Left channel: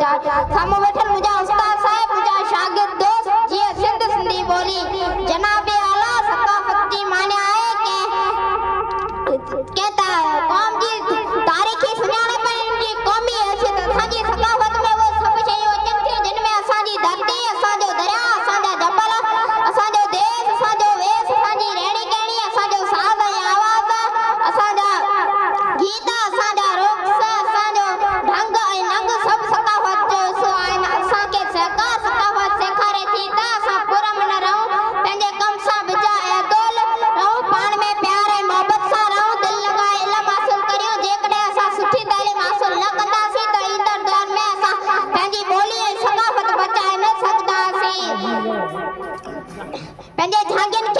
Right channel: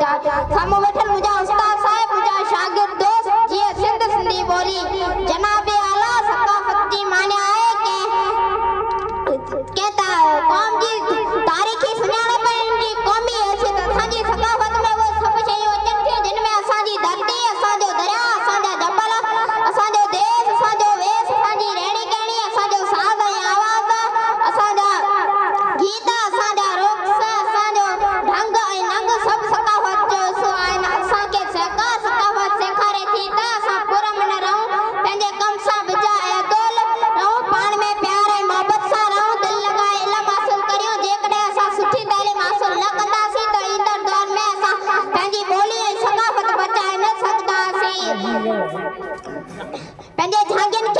बचा सामो बैठल मुझा उस्ताद साहब मुझा शागिर्द दोस्त जी सिंध सिंधी बोली जनाब आला सकाफती माने आए के कहता कौम जी तारीखी सुनाने पर इनकी कौमी हैसियत असांजी सकाफत में वो सब शयूं अचनि थियूं जिनमें असांजी धरती असांजो दरिया असांजा जबल असांजो देश असांजो वेश असांजी रहणी कहणी असांजो साज़ ऐं आवाज़ असांजा गीत असांजा रुख़्स असांजो ढंग ऐं नंग सभु सकाफत जो हिसो आहिनि असांखे सरकार सकाफत सेखारे थी त असां पुरमन रहूं पंहिंजे कम सां बिजा ऐं अदोल रहूं पाण में प्यार ऐं मोहबत सां रहूं दिलि लॻाए इल्मु हासिल करियूं जेकॾहिं असां सुठी तालीम हासिल न कंदासीं त ईंदड़ दौर में असां पंहिंजी ॿोली ऐं सकाफत बचाए न सघंदासीं पंहिंजे झांगियुनि